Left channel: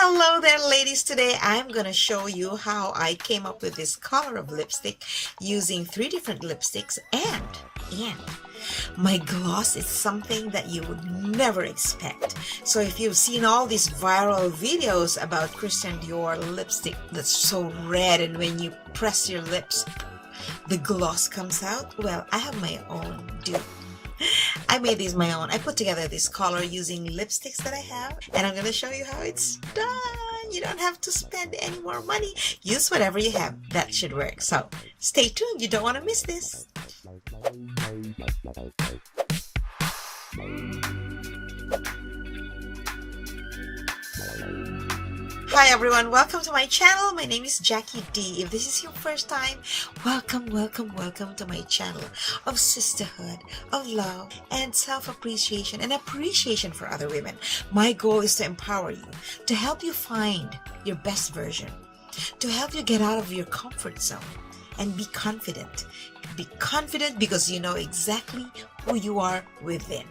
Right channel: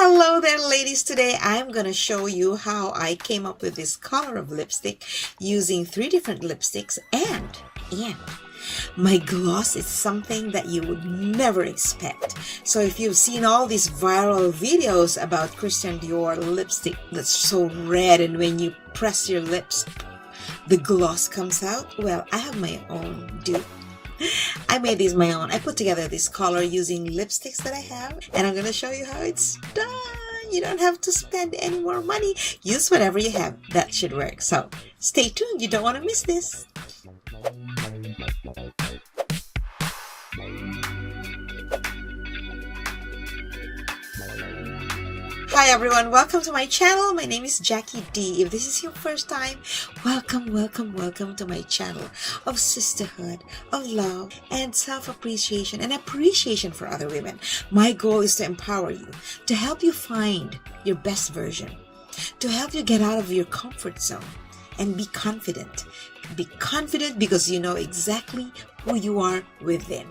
Hello there, ladies. Today I'm gonna show you how I came up with this color of lipstick using 3 different lipsticks and my gloss is something that you would never expect. So if you've seen all these viral videos about Christian Dior lipstick that's so red and when you press your lips the gloss comes out, well, I have my own dupe. I made these my own. I put together this color using lipsticks that I have, and I'm gonna show you how it's done. You don't have to spend any more money. Use whatever you have. That should work. So stay tuned. You don't want to miss this. Hi everyone, welcome to my channel. My name is Jackie D. If this is your first time, welcome to my channel of sisterhood, of love, and self-appreciation and appreciation for other women. My goal is to empower you, to help you find your best version, to help you get out of your comfort zone and be confident. Be confident because you know exactly who you are within.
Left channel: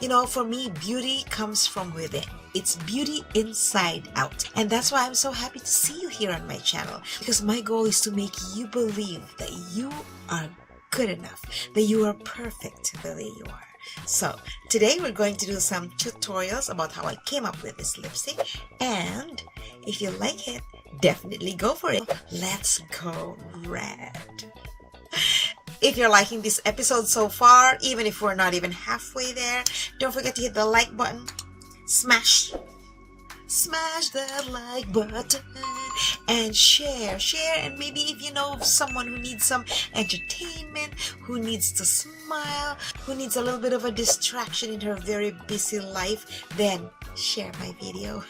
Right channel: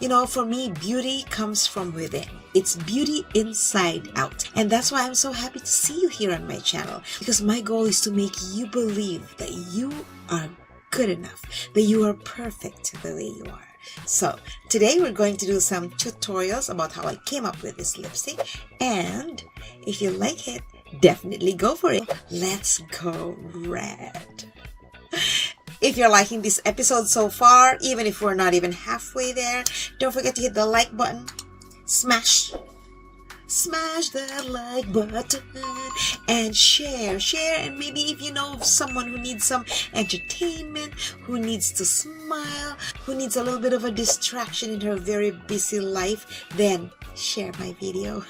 You know, for me, beauty comes from within. It's beauty inside out. And that's why I'm so happy to see you here on my channel, because my goal is to make you believe that you are good enough, that you are perfect the way you are. So today we're going to do some tutorials about how I came up with this lipstick, and if you like it, definitely go for it. Let's go red. If you're liking this episode so far, even if we're not even halfway there, don't forget to hit the like button. Smash that like button and share, and maybe if you know of someone who needs some entertainment, who needs to smile, who needs a little bit of a distraction in her very busy life, then share my video.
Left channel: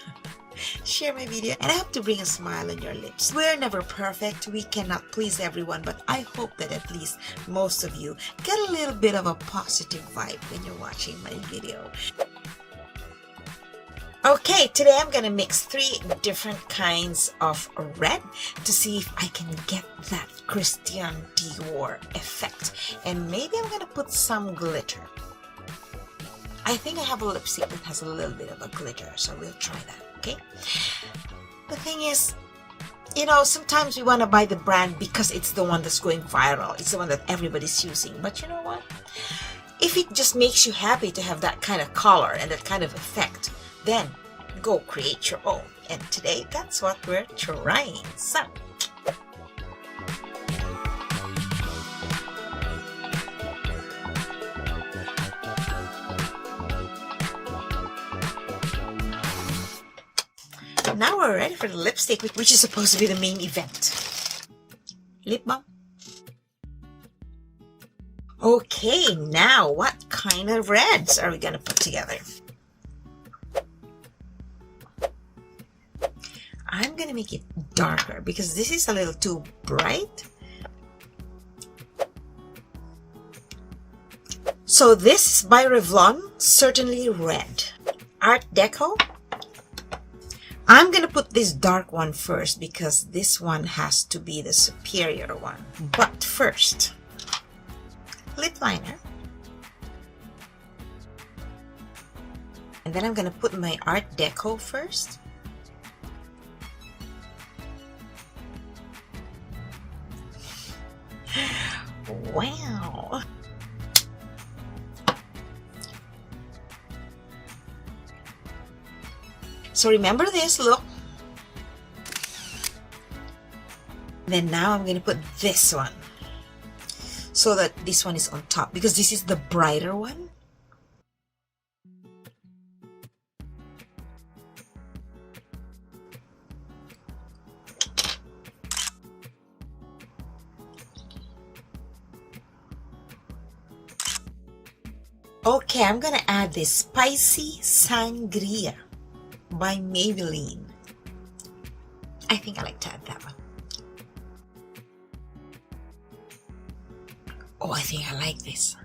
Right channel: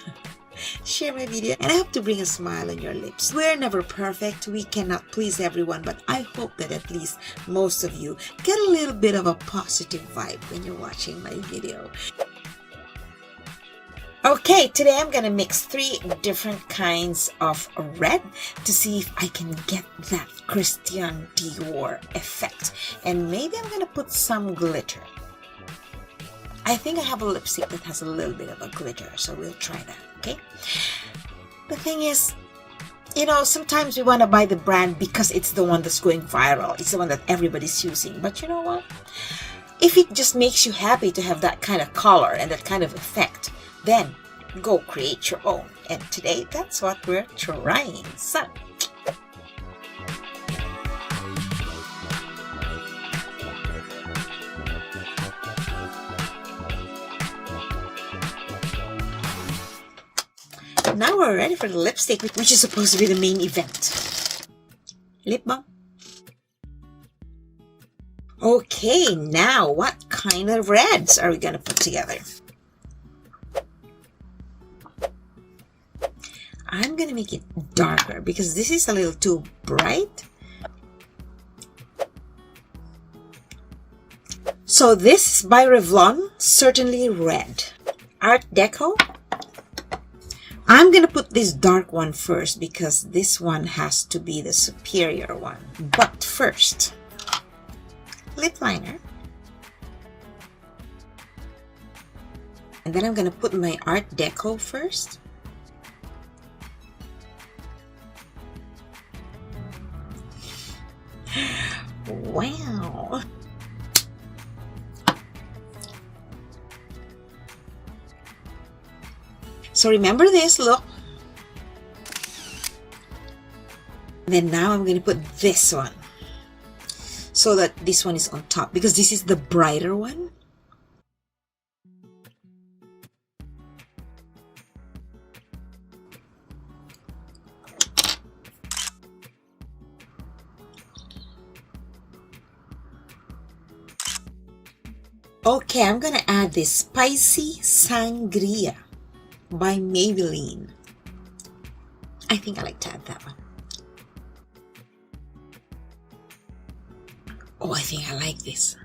Share my video, and I hope to bring a smile on your lips. We're never perfect. We cannot please everyone, but I hope that at least most of you get a little bit of a positive vibe when you're watching my video. Okay, today I'm gonna mix 3 different kinds of red to see if I can get that Christian Dior effect, and maybe I'm gonna put some glitter. I think I have a lipstick that has a little bit of a glitter, so we'll try that. Okay, the thing is, you know, sometimes we want to buy the brand because it's the one that's going viral, it's the one that everybody's using. But you know what, if it just makes you happy to have that kind of color and that kind of effect, then go create your own. And today that's what we're trying. So now we're ready for the lipstick, which is supposed to be the main event. Lip balm. Okay, now what kind of reds are we gonna put together? I'm gonna make it darker because this is a little too bright. So this is by Revlon, Certainly Red. Art Deco. I'm gonna put this dark one first because this one has to be the superior one. But first, lip liner. And then I'm gonna put my Art Deco first. Wow. So remember this look. Then now I'm going to put this one so that this one is on top because this is the brighter one. Okay, I'm going to add this Spicy Sangria by Maybelline. I think I like to add that one. Oh, I think I like this.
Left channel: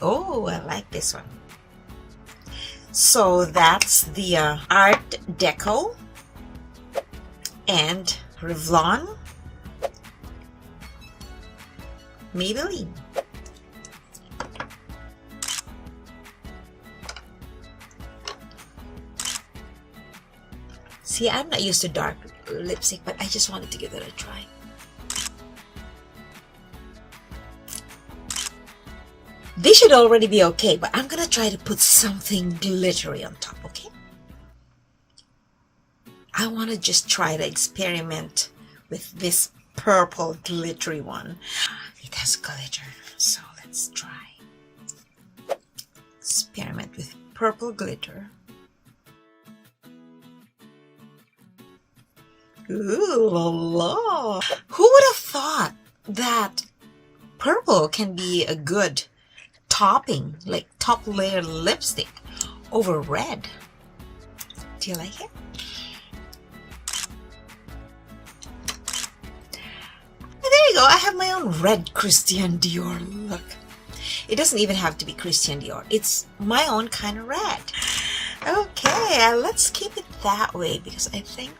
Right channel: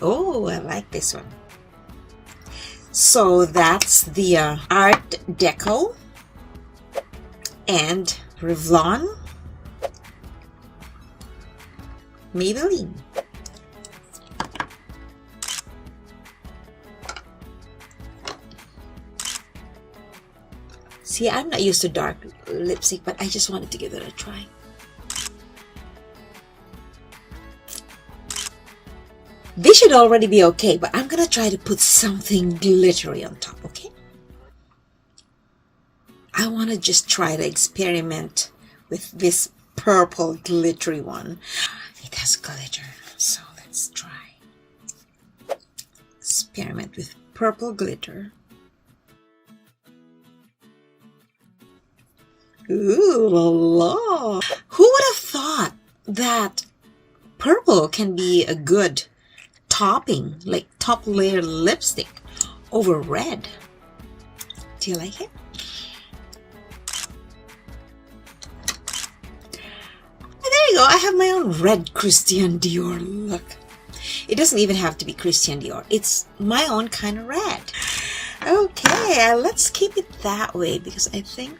Oh, I like this one. So that's the Art Deco and Revlon, Maybelline. See, I'm not used to dark lipstick, but I just wanted to give it a try. This should already be okay, but I'm gonna try to put something glittery on top, okay? I want to just try to experiment with this purple glittery one. It has glitter, so let's try. Experiment with purple glitter. Ooh la la! Who would have thought that purple can be a good topping, like top layer lipstick over red? Do you like it? There you go. I have my own red Christian Dior look. It doesn't even have to be Christian Dior. It's my own kind of red. Okay, let's keep it that way because I think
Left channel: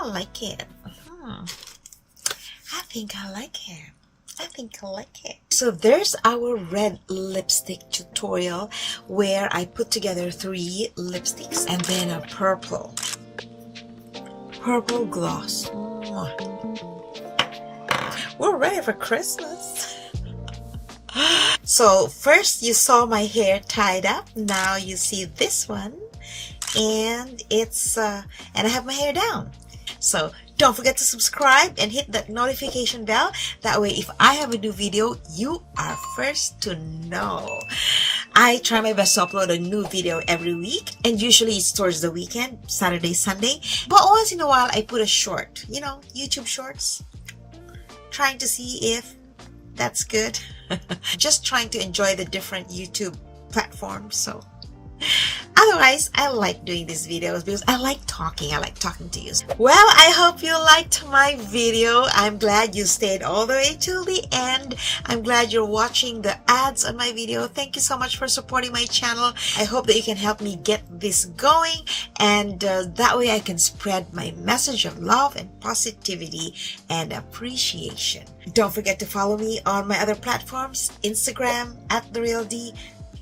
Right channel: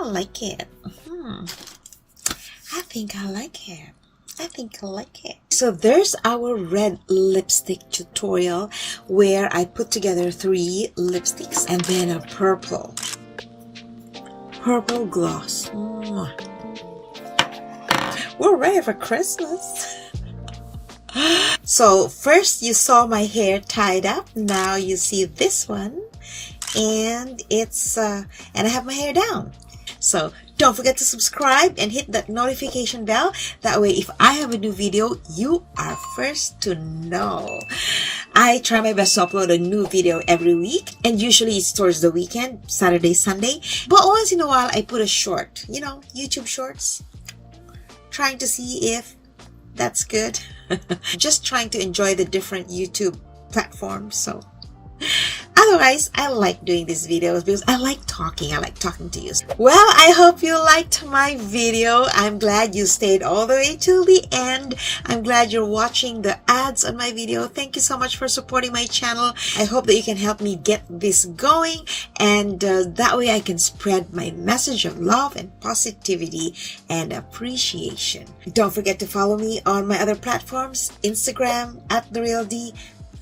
I like it. I think I like it. I think I like it. So there's our red lipstick tutorial where I put together 3 lipsticks and then a purple gloss. We're ready for Christmas. So first you saw my hair tied up. Now you see this one, and it's and I have my hair down. So don't forget to subscribe and hit that notification bell. That way, if I have a new video, you are first to know. I try my best to upload a new video every week, and usually it's towards the weekend, Saturday, Sunday. But once in a while, I put a short, YouTube shorts. Trying to see if that's good. Just trying to enjoy the different YouTube platforms. So otherwise, I like doing these videos because I like talking. I like talking to you. Well, I hope you liked my video. I'm glad you stayed all the way till the end. I'm glad you're watching the ads on my video. Thank you so much for supporting my channel. I hope that you can help me get this going, and that way I can spread my message of love and positivity and appreciation. Don't forget to follow me on my other platforms, Instagram @TheRealD,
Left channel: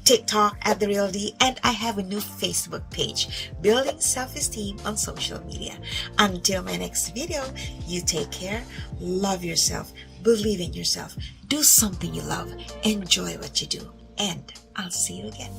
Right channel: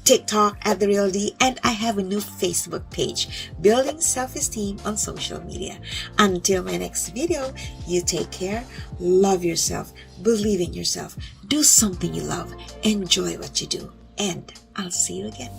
TikTok @TheRealD, and I have a new Facebook page, Building Self-Esteem on Social Media. Until my next video, you take care, love yourself, believe in yourself, do something you love, enjoy what you do, and I'll see you again.